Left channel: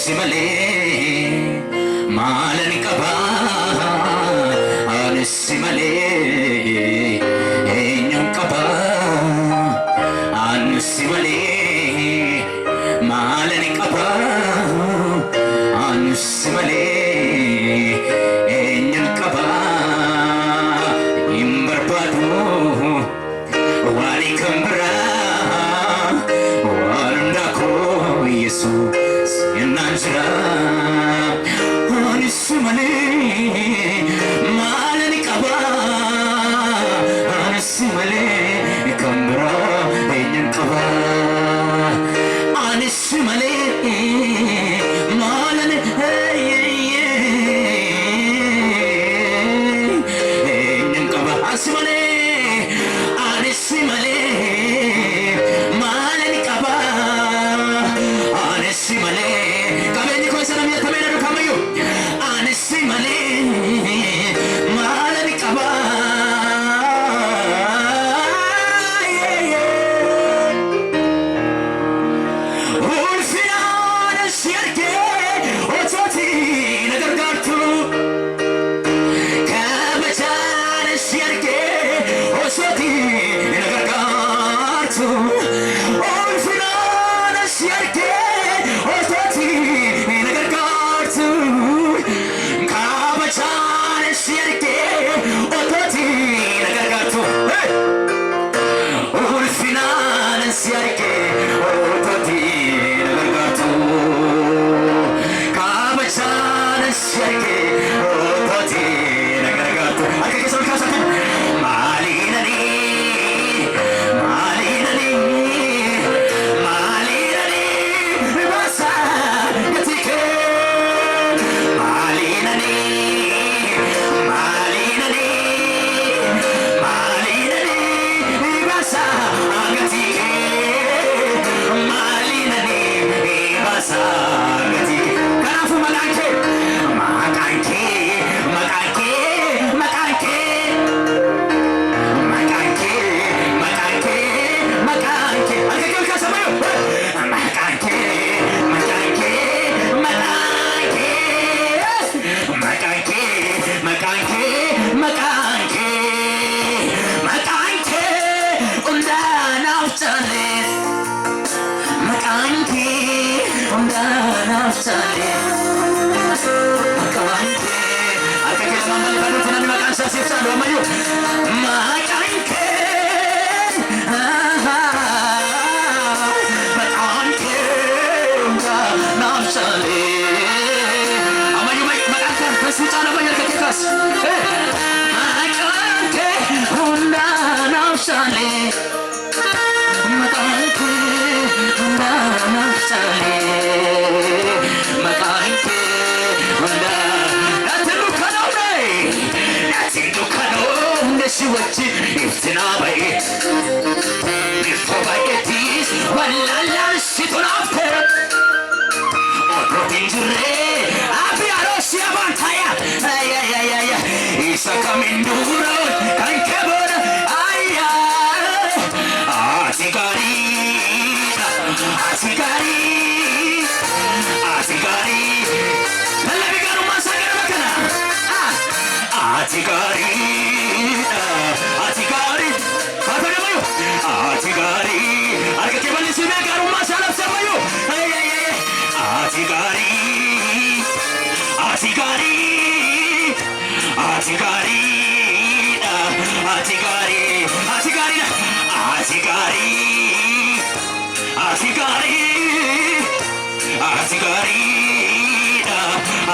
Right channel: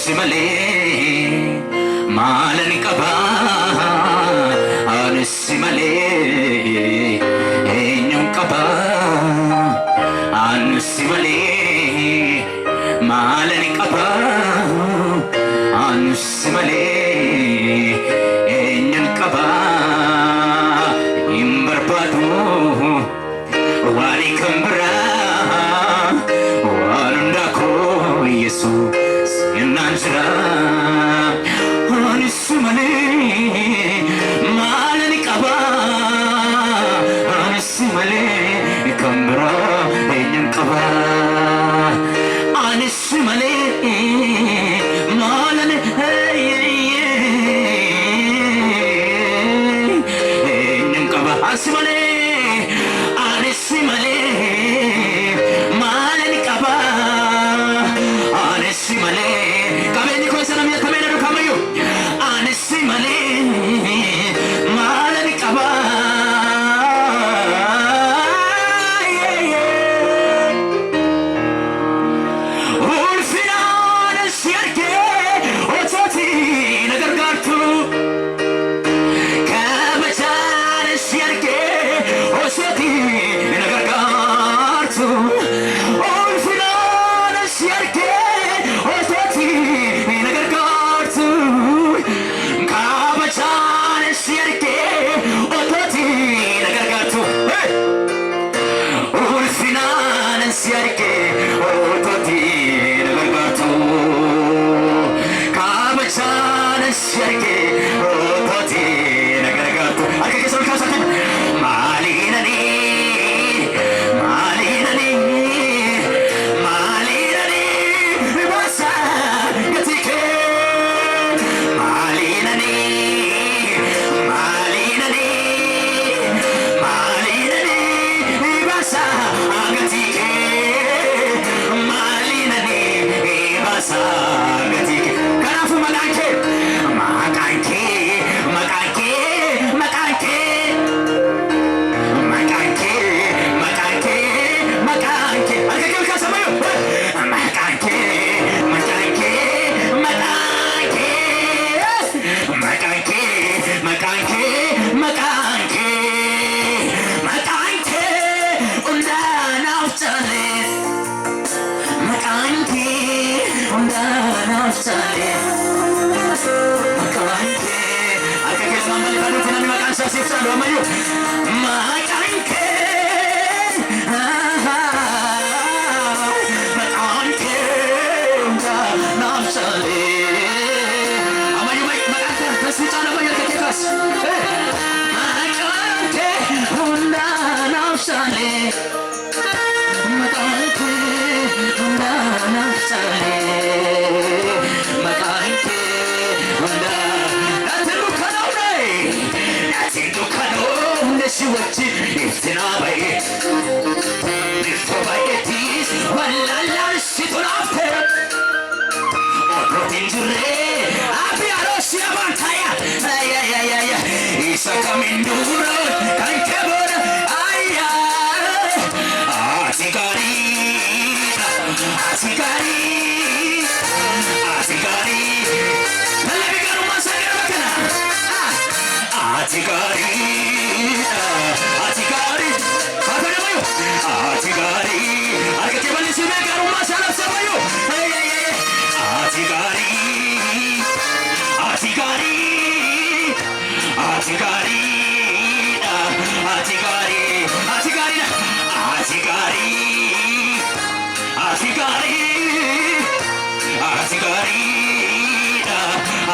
simale malani kaba anu simale enyum kaba anu simale malani kaba anu simale enyum kaba imbarpadu wali kambra warndako yesus yananjra anismale malani kaba anismale kambra enyum kaba anismale malani enyum kaba anismale anismale malani kaba anismale kabeni ko sana miya kamera ro kamayo anismale malani kaba ulfinan siyarke ototi nagargartu kabajan siyarke ototi nagargartu ulfinan siyarke ototi nagargartu kabajan siyarke ototi nagargartu ulfinan siyarke ototi nagargartu kabajan siyarke ototi nagargartu akake sol kasatu malinani malinani malinani basa gatike malinani malinani malinani basa gatike malinani basa gatike kanafu makanke makanke makanke makanke makanke makanke makanke akake kasamayo makanke makanke makanke makanke makanke makanke makanke undana uftale makanke undana uftale makanke akake samambali padu tinani makansa sifsa do amayo makanke makanke undana uftale amayo makanke tesuta na bayar kekas makanke undana uftale makanke undana uftale makanke undana natindu kano neshiwachi iftina baye nifto baye tis walala situnafter protein jure abi arosi abantaya ay isa kaminduro kankebor aya asigari asigari asigari nalabi garu masagara makana asigari asigari apa namayo asigari arke bali sime garu masala sabayo ay asigari asigari asigari asigari asigari asigari asigari asigari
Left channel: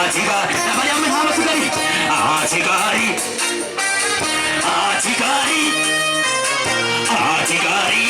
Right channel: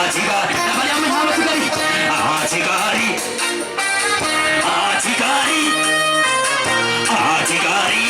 asigari nabali amin hama asigari asigari asigari asigari